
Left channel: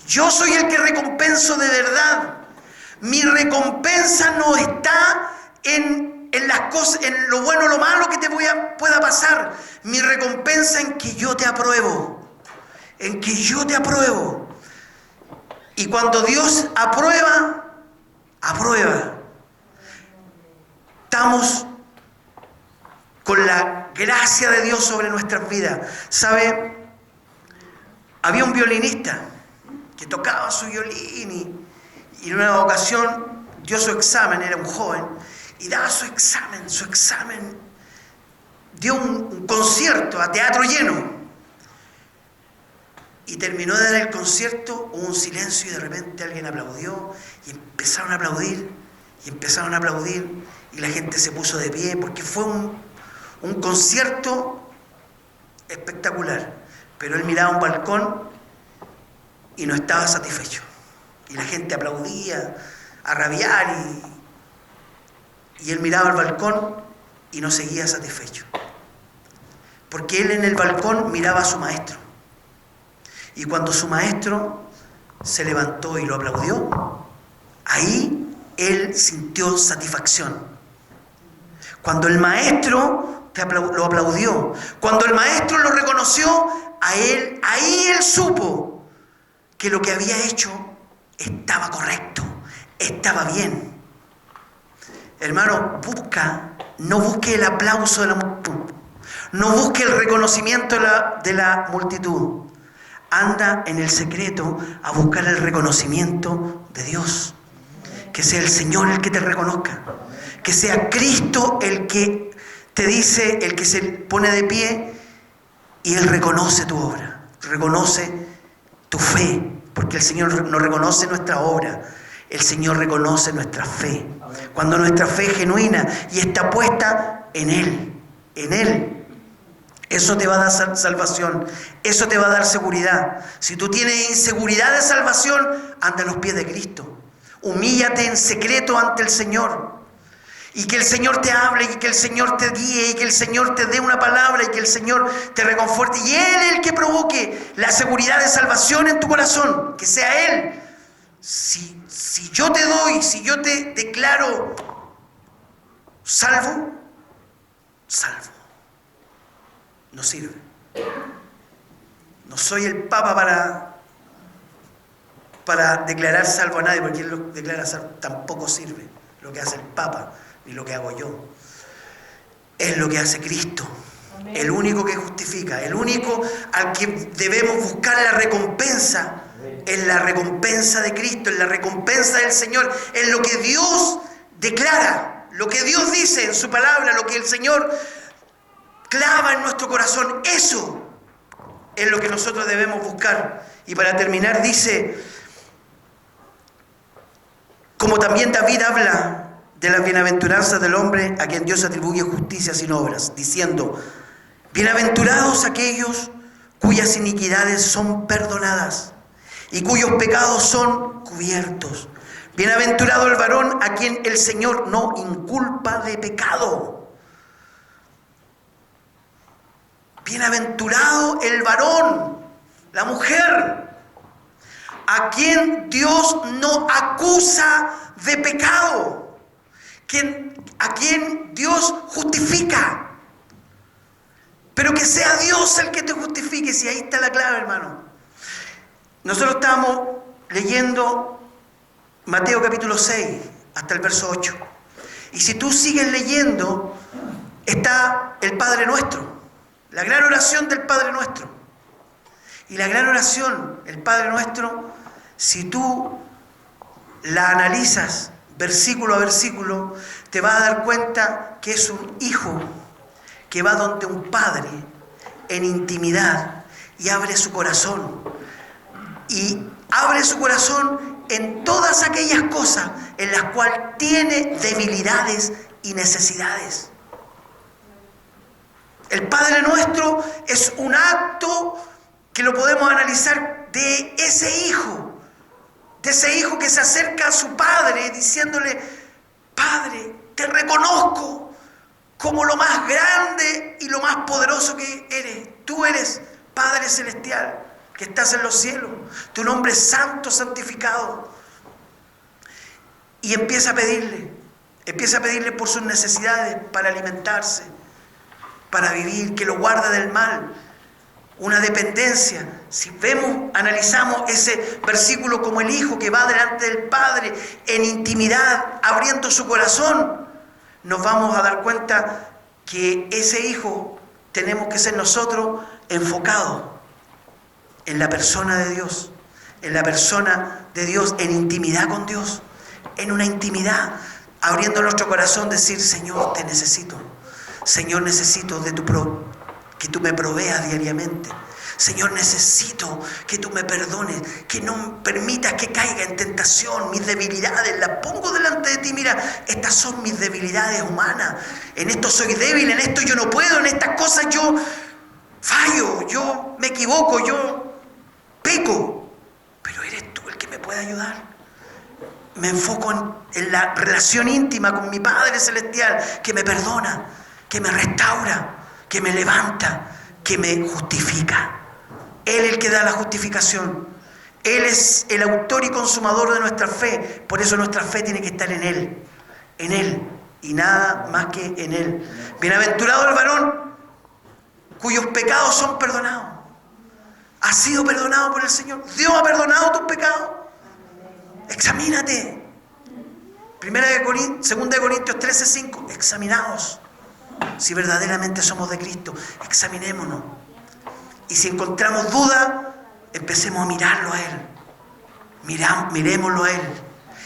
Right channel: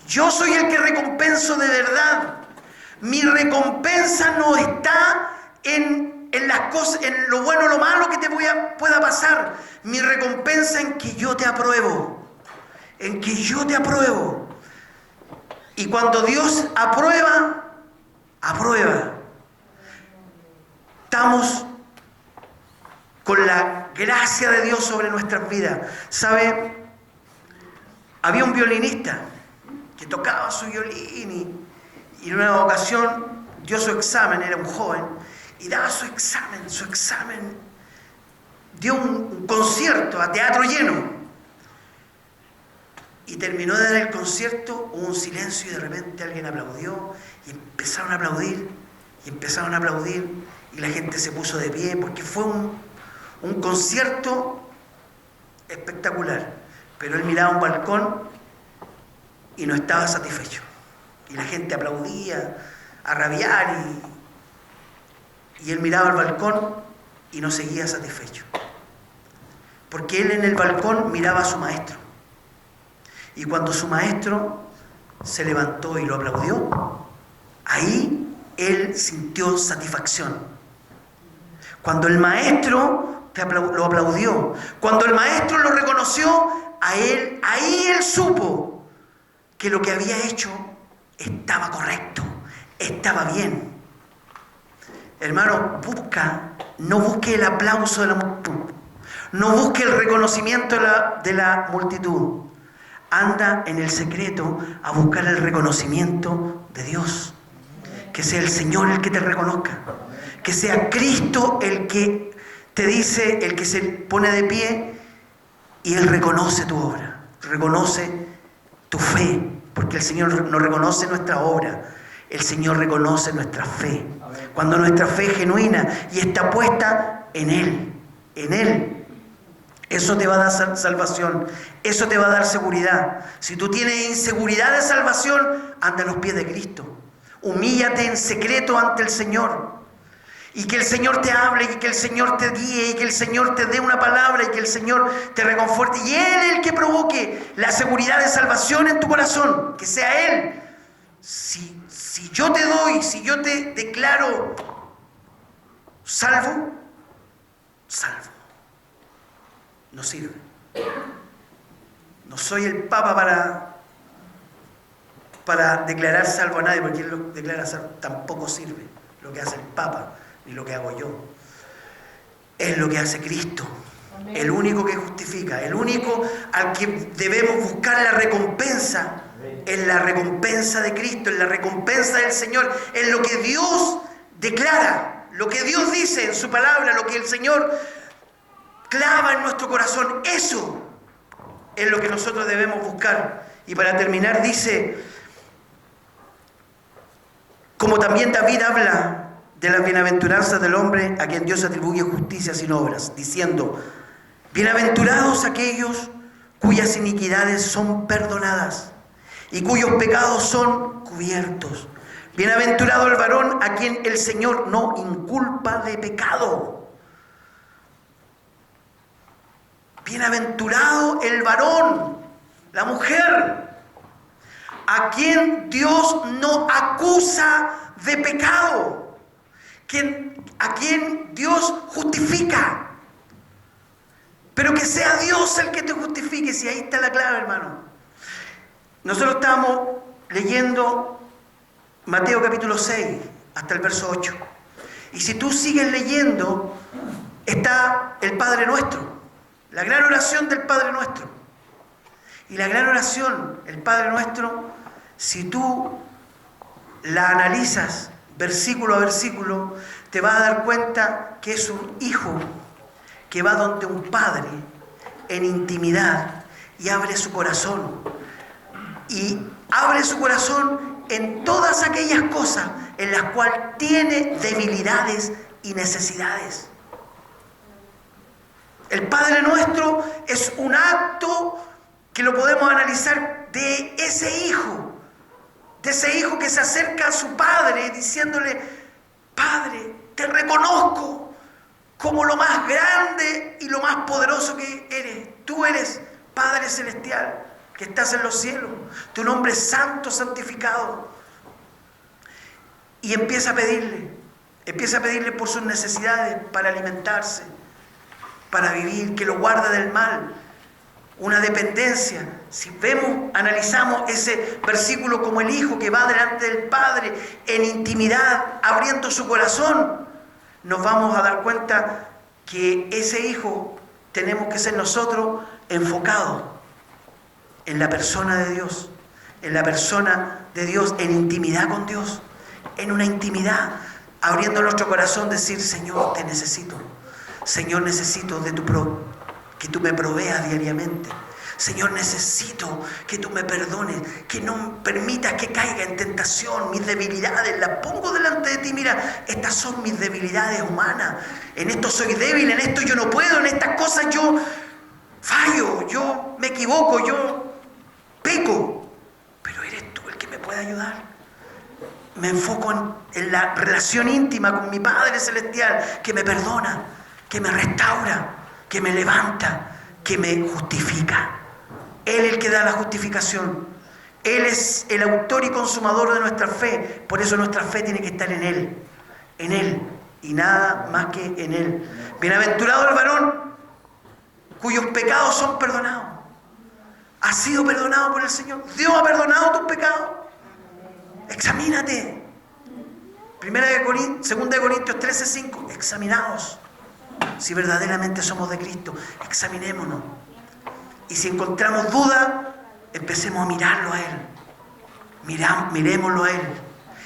Yo soy el que recompenso de verdad. Mi recompensa no está en las cosas, en lo bueno o lo malo que te pueda pasar. Mi recompensa en que yo te apruebo. En que yo te apruebo. Y cuando Dios aprueba. Estamos con la gracia de Dios sobre nuestras vidas. ¿Sabe? Había un violinista que tocaba su violín y en una ocasión dio su examen, era un joven, y daba su examen, dio un concierto a teatro lleno. Y terminó de dar el concierto, hubo un silencio y de repente alguien aplaudió y empezaron a aplaudir y la gente se puso de pie porque fue un concierto espectacular. Pero él miraba un balcón y no estaba satisfecho. Y la gente aplaudía a rabiar y él miraba al balcón y no seguía satisfecho. Porque él en el balcón miraba a su maestro. Y cuando su maestro se levantó y lo aplaudió, ahí él sintió satisfacción. Cuando el maestro lo aplaudió, cuando el maestro lo reconoció, ahí él supo que lo que había hecho estaba correcto, estaba bien. Hermano, no busque el aplauso de la multitud, no busque el reconocimiento de la multitud. Anda en el secreto a buscar el reconocimiento de Dios. Que sea el Señor el que te reconozca. Que sea Cristo el que te dice, el que se pone de pie y Él reconoce tu obra, reconoce tu fe, porque el Señor no reconoce nuestra obra, el Señor reconoce nuestra fe. Cuando nuestra fe es genuina y está puesta en Él. Eso te va a dar salvación, eso te va a dar seguridad. Si tú tienes inseguridad de salvación, anda a los pies de Cristo. Humíllate en secreto ante el Señor. Y que el Señor te hable, y que el Señor te guíe, y que el Señor te dé una palabra, y que el Señor te reconforte. Y Él es el que provoque la seguridad de salvación en tu corazón. Que sea Él. Si yo te doy, si yo te declaro salvo. No sirve. No soy el Papa para declarar salvo a nadie, porque Él lo declara salvo. Tampoco sirve lo que hace el Papa, ni lo que hago yo. Es lo que hace Cristo. Amén. El único que justifica, el único al que debemos buscar la recompensa. Amén. Es la recompensa de Cristo, es la recompensa del Señor, es lo que Dios declara, lo que Dios dice en su palabra, lo que el Señor clava en nuestro corazón. Eso es lo que nosotros debemos buscar. Y para terminar dice, como también David habla de las bienaventuranzas del hombre a quien Dios atribuye justicia sin obras, diciendo, bienaventurados aquellos cuyas iniquidades son perdonadas y cuyos pecados son cubiertos. Bienaventurado el varón a quien el Señor no inculpa de pecado. Bienaventurado el varón, la mujer, a quien Dios no acusa de pecado, a quien Dios justifica. Pero que sea Dios el que te justifique, si ahí está la clave, hermano. Nosotros estamos leyendo Mateo capítulo 6 hasta el verso 8. Y si tú sigues leyendo, está el Padre Nuestro. La gran oración del Padre Nuestro. Y la gran oración, el Padre Nuestro, si tú la analizas versículo a versículo, te vas a dar cuenta que es un hijo que va donde un padre en intimidad y abre su corazón. Y abre su corazón en todas aquellas cosas en las cuales tiene debilidades y necesidades. El Padre Nuestro es un acto que lo podemos analizar de ese hijo que se acerca a su padre diciéndole, Padre, te reconozco como lo más grande y lo más poderoso que eres. Tú eres Padre Celestial que estás en los cielos. Tu nombre es santo, santificado. Y empieza a pedirle por sus necesidades para alimentarse, para vivir, que lo guarda del mal, una dependencia. Si analizamos ese versículo como el hijo que va delante del Padre en intimidad, abriendo su corazón, nos vamos a dar cuenta que ese hijo tenemos que ser nosotros enfocados en la persona de Dios, en intimidad con Dios, en una intimidad, abriendo nuestro corazón, decir, Señor, te necesito. Señor, necesito que tú me proveas diariamente. Señor, necesito que tú me perdones, que no permitas que caiga en tentación. Mis debilidades las pongo delante de ti. Mira, estas son mis debilidades humanas. En esto soy débil, en esto yo no puedo, en estas cosas yo fallo, yo me equivoco, yo peco. Pero eres tú el que me puede ayudar. Me enfoco en la relación íntima con mi Padre Celestial, que me perdona, que me restaura, que me levanta, que me justifica. Él es el que da la justificación. Él es el autor y consumador de nuestra fe. Por eso nuestra fe tiene que estar en Él. y nada más que en Él. Bienaventurado el varón cuyos pecados son perdonados. ¿Has sido perdonado por el Señor? ¿Dios ha perdonado tus pecados? Examínate. 2 Corintios 13:5. Examinaos si verdaderamente somos de Cristo. Examinémonos. Y si encontramos duda, empecemos a mirarlo a Él. Miremoslo a Él.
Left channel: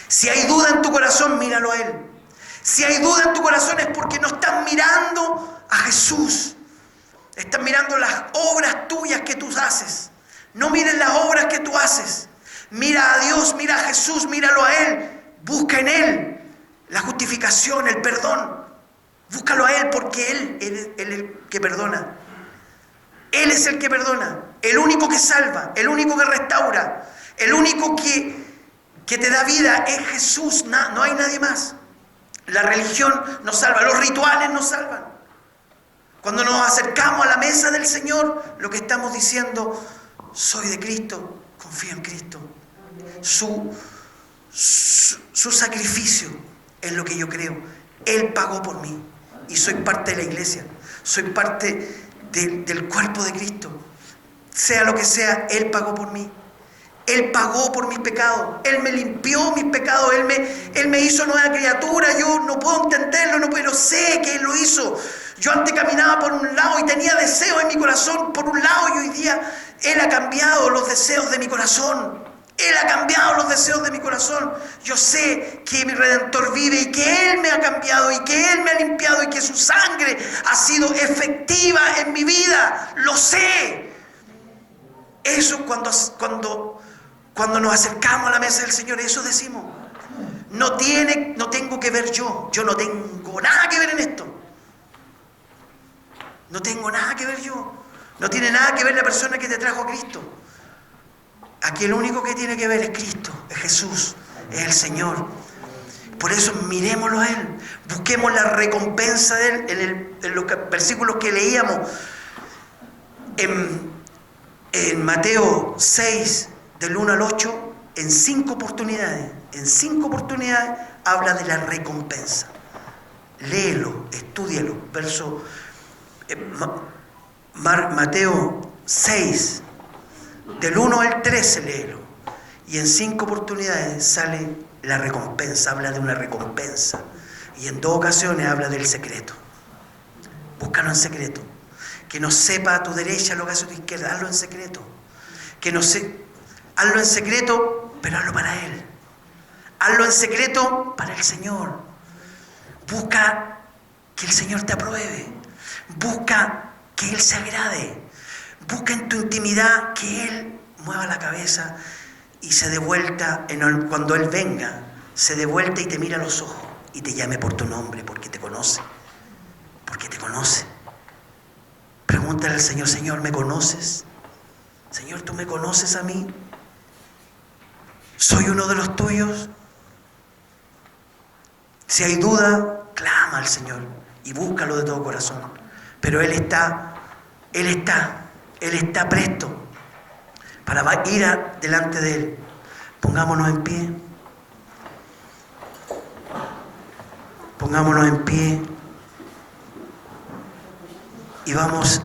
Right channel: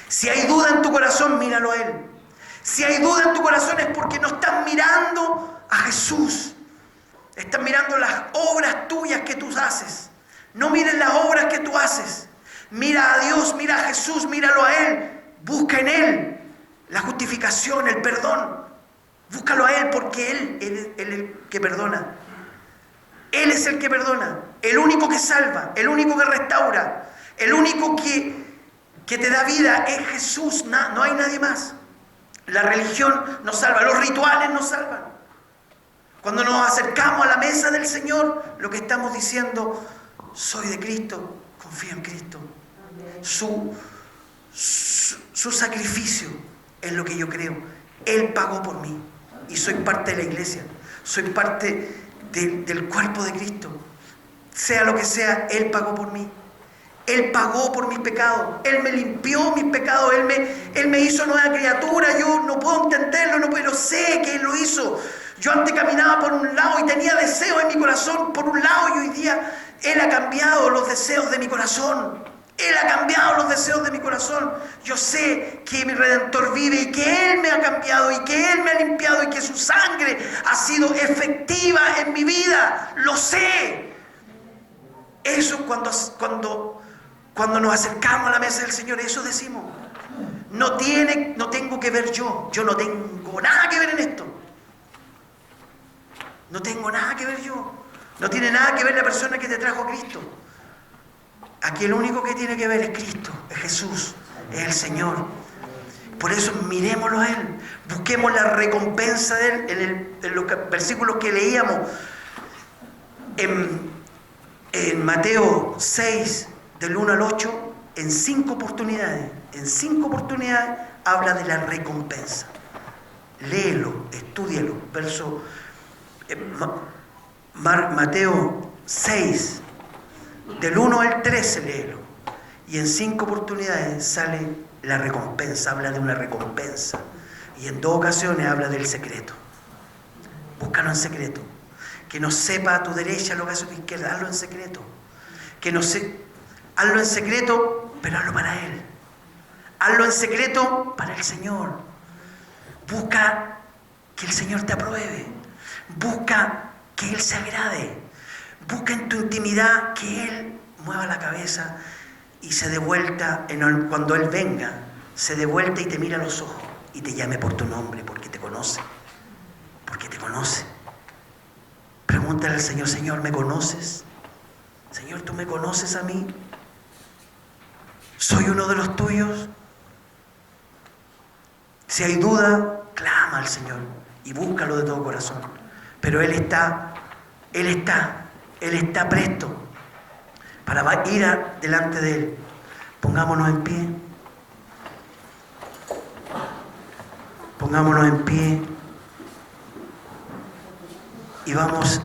Si hay duda en tu corazón, míralo a Él. Si hay duda en tu corazón es porque no estás mirando a Jesús. Estás mirando las obras tuyas que tú haces. No mires las obras que tú haces. Mira a Dios, mira a Jesús, míralo a Él. Busca en Él la justificación, el perdón. Búscalo a Él porque Él es el que perdona. Él es el que perdona. El único que salva, el único que restaura, el único que te da vida es Jesús. No hay nadie más. La religión nos salva, los rituales nos salvan. Cuando nos acercamos a la mesa del Señor, lo que estamos diciendo, soy de Cristo, confío en Cristo. Su sacrificio es lo que yo creo. Él pagó por mí y soy parte de la iglesia. Soy parte del cuerpo de Cristo. Sea lo que sea, Él pagó por mí. Él pagó por mis pecados. Él me limpió mis pecados. Él me hizo nueva criatura. Yo no puedo entenderlo, pero sé que Él lo hizo. Yo antes caminaba por un lado y tenía deseos en mi corazón por un lado, y hoy día Él ha cambiado los deseos de mi corazón. Él ha cambiado los deseos de mi corazón. Yo sé que mi Redentor vive y que Él me ha cambiado y que Él me ha limpiado y que su sangre ha sido efectiva en mi vida. Lo sé. Eso cuando nos acercamos a la mesa del Señor, eso decimos. No tengo que ver yo. Yo no tengo nada que ver en esto. No tengo nada que ver yo. No tiene nada que ver la persona que te trajo a Cristo. Aquí el único que tiene que ver es Cristo, es Jesús, es el Señor. Por eso miremoslo a Él. Busquemos la recompensa de Él en los versículos que leíamos. En Mateo 6, del 1 al 8, en 5 oportunidades habla de la recompensa. Léelo, estúdialo. Mateo 6, del 1 al 13, léelo. Y en 5 oportunidades sale la recompensa, habla de una recompensa. Y en 2 ocasiones habla del secreto. Búscalo en secreto. Que no sepa a tu derecha lo que hace a tu izquierda, hazlo en secreto. Hazlo en secreto, pero hazlo para Él. Hazlo en secreto para el Señor. Busca que el Señor te apruebe. Busca que Él se agrade. Busca en tu intimidad que Él mueva la cabeza y se dé vuelta, cuando Él venga, se dé vuelta y te mira a los ojos y te llame por tu nombre, porque te conoce. Porque te conoce. Pregúntale al Señor: Señor, ¿me conoces? Señor, ¿tú me conoces a mí? ¿Soy uno de los tuyos? Si hay duda, clama al Señor y búscalo de todo corazón. Pero Él está presto para ir delante de Él. Pongámonos en pie. Pongámonos en pie y vamos